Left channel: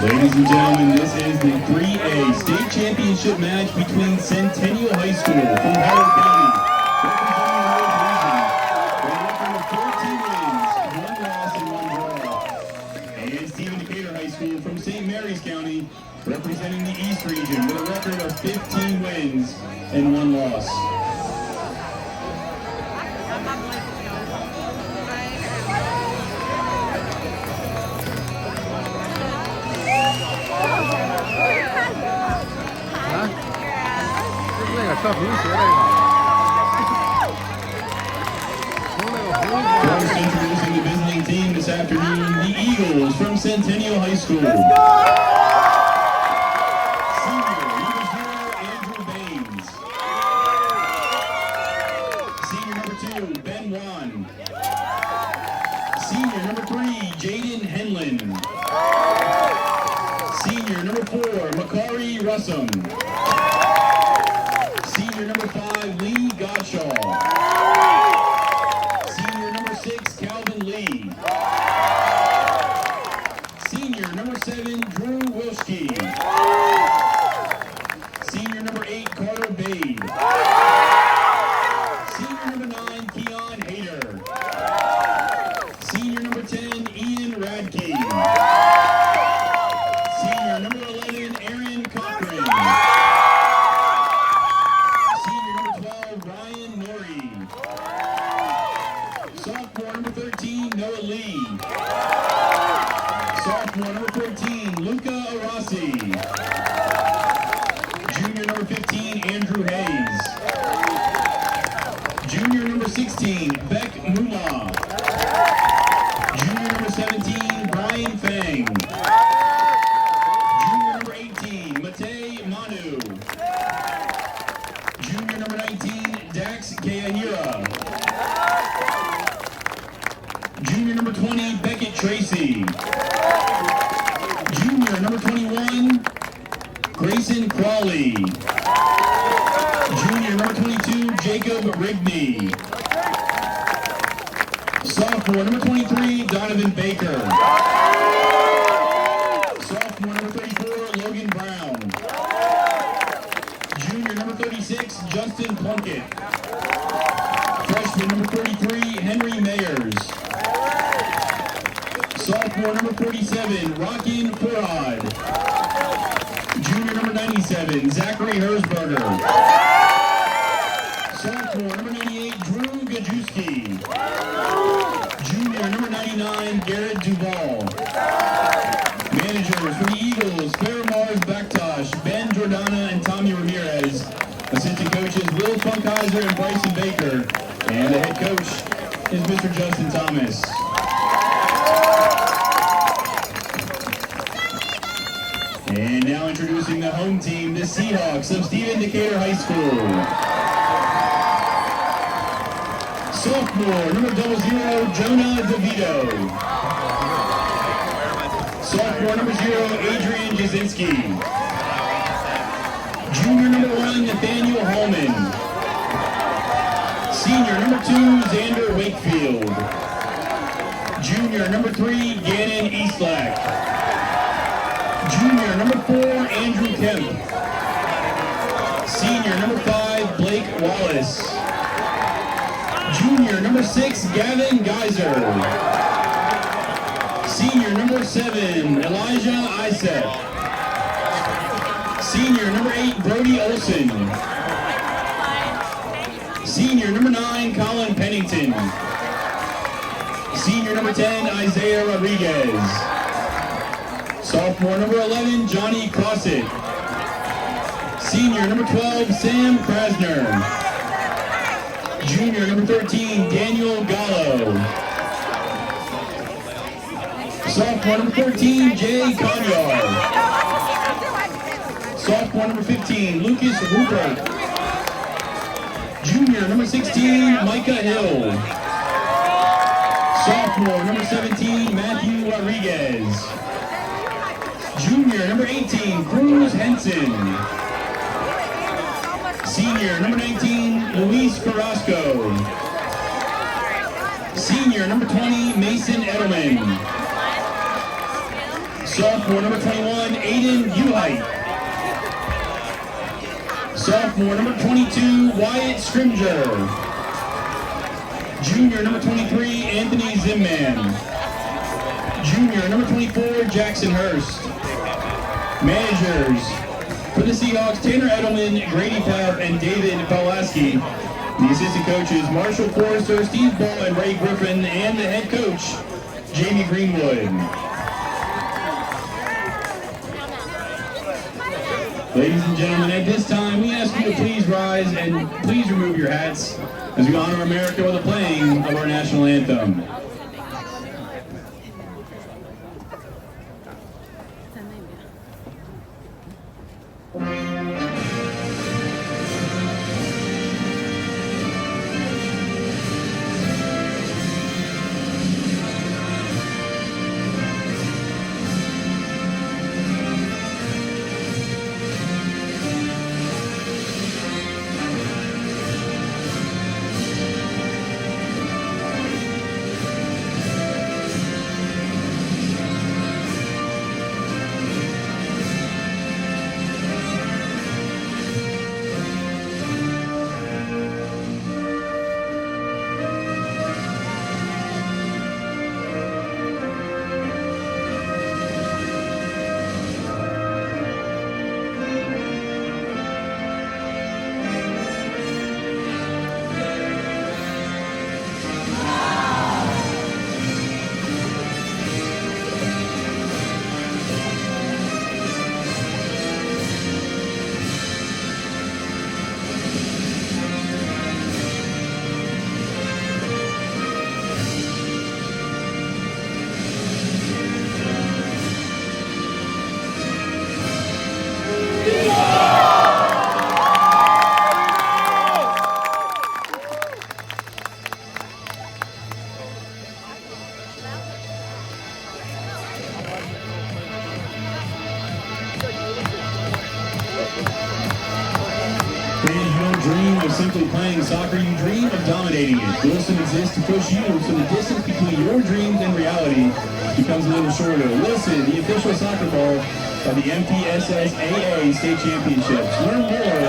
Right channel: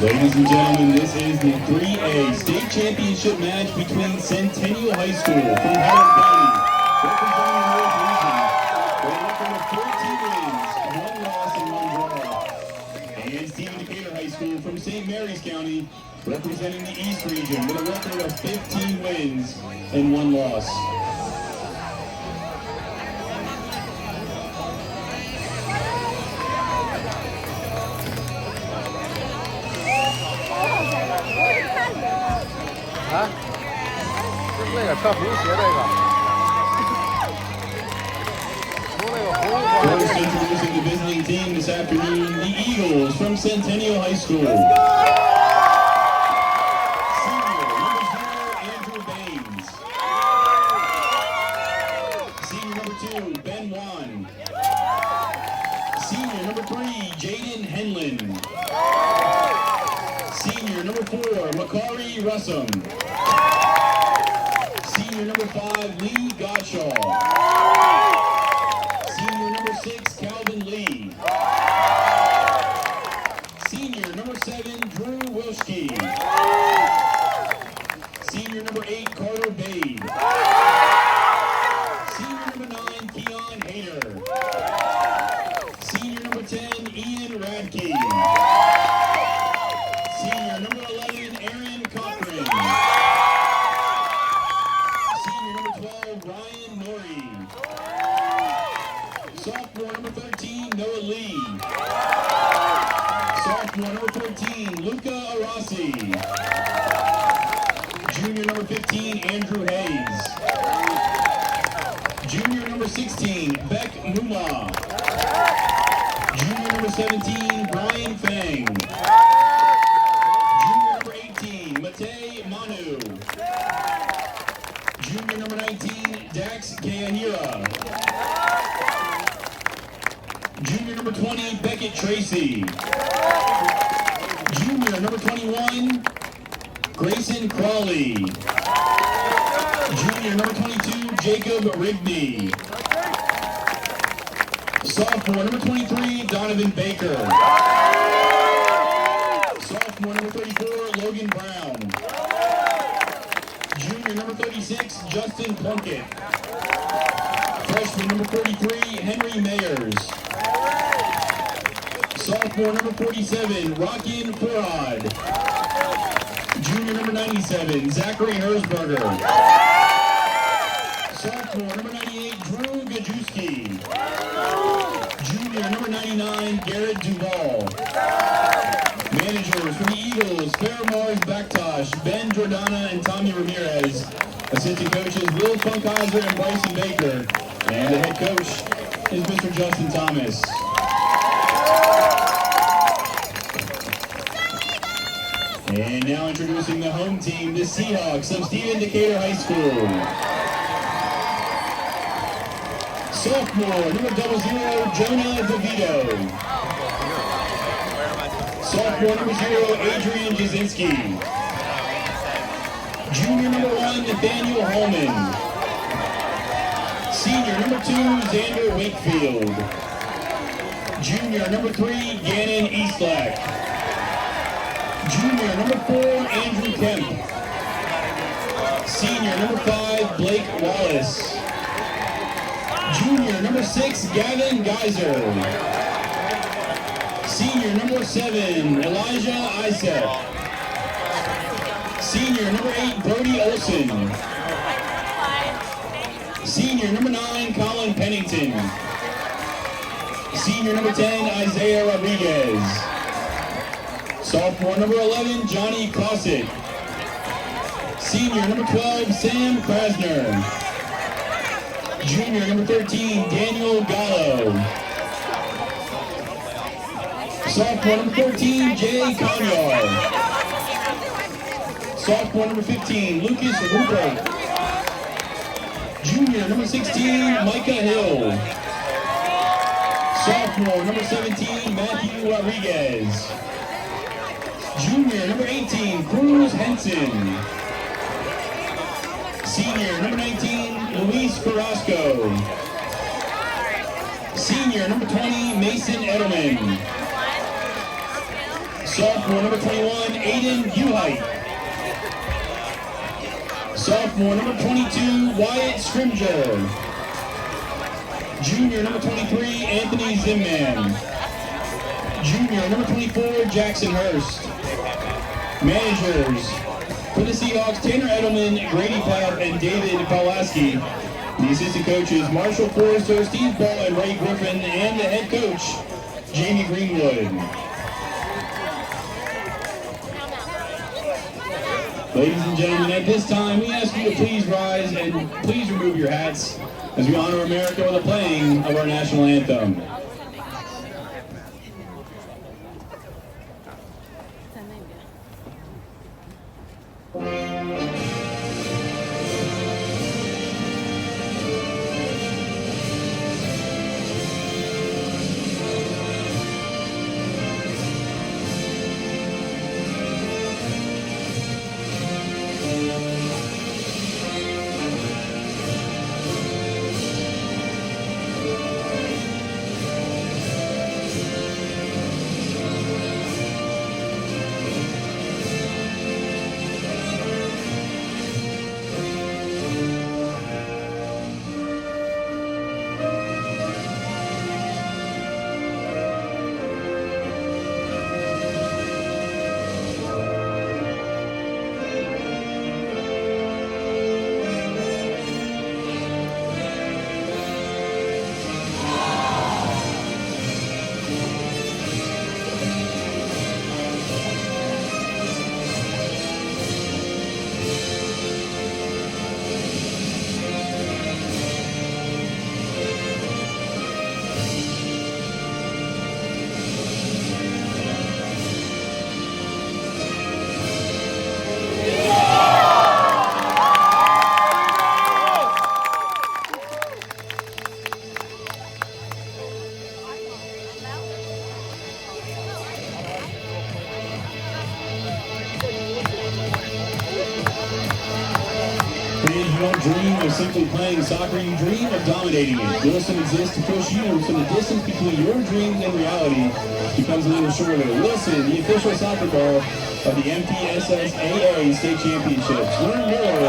Ladies and gentlemen, this is the 3A state championship match between Centennial High School from Howard County, representing North region, with a record of 14 wins, 1 loss, and 1 draw. And Stephen Decatur High School from St. Mary's County, representing the East region, with a record of 15 wins and 1 loss. First introducing the visiting team this afternoon, the Eagles from Centennial High School. Senior number 0, Andrew Baines. Senior number 2, Ben Wan. Senior number 3, Jaden Henlin. Senior number 4, Makari Russum. Senior number 5, Lee Godshaw. Senior number 6, Calvin Lee. Senior number 7, Drew Wilschke. Senior number 8, Carter Bade. Senior number 9, Keon Hayter. Senior number 10, Ian Radke. Senior number 11, Aaron Cochran. Senior number 12, Ryan Norrie. Sophomore number 13, Noah Lee. Sophomore number 14, Luca Arasi. Junior number 15, Andrew Hayes. Junior number 16, Beck Moolah. Junior number 17, Brian Fang. Junior number 18, Matei Manu. Junior number 19, Dax Kayahira. Junior number 20, Beckett Tracy. Junior number 21, Grayson Crawley. Junior number 22, Jacob Rigney. Sophomore number 23, Donovan Baker. Sophomore number 34, Logan Brown. Junior number 36, Justin Plunkett. Freshman number 33, Henry Mayers. Sophomore number 47, Rockin Furad. Junior number 97, Zachary Herzberger. Sophomore number 98, Drew Gajewski. Junior number 99, Garrett Duvall. Managers for the Eagles, Fairmars Backtosh, Ben Jordana, and Tommy Ramirez. Assistant coaches, Will Funkhauser and Bryson Baker. And the head coach is Mr. Justin Thomas. And now introducing the home team, the Seahawks of Stephen Decatur High School. Sophomore, number 00, Jonah DeVito. Sophomore, number 0, Adrian Jasinski. Junior, number 1, Nathaniel Holman. Senior, number 2, Xander Wakefield. Junior, number 3, Gannon Eastlack. Junior, number 4, Andrew Kemp. Senior, number 5, Blake Wallace. Junior, number 6, Gavin Geyser. Senior, number 7, Elijah Isaac. Senior, number 8, Brody Olson. Senior, number 9, Colin Pennington. Senior, number 10, Isaiah Rodriguez. Sophomore, number 11, Johnny Cossack. Senior, number 12, Sam Krasner. Junior, number 13, Daniel Gallo. Sophomore, number 14, Jay Conyar. Sophomore, number 15, Lucas Rupert. Junior, number 16, Micah Hill. Sophomore, number 17, Matthew Rodriguez. Junior, number 18, Cruz Henson. Senior, number 19, Luis Carrasco. Senior, number 20, Mason Edelman. Sophomore, number 21, Aiden Uhite. Sophomore, number 22, Wyatt Scrimger. Junior, number 23, Anthony Zimman. Junior, number 24, Jackson Hurst. Managers, for the Seahawks, Tanner Edelman, Grady Pell, and David Pawlowski. The assistant coaches, Marshall Forrester, Steve Ball, and Ray Griffin, and the head coach, Jamie Greenwood. Ladies and gentlemen, at this time, we ask you to please rise and please remove your hats as we honor America with the playing of our national anthem. Dream of simply playing soccer, you dream of dominating it. Wilson exists to push you so the distance between your dreams and reality becomes a little shorter. Wilson, the official soccer ball of the MPSSAA State Championships. Learn more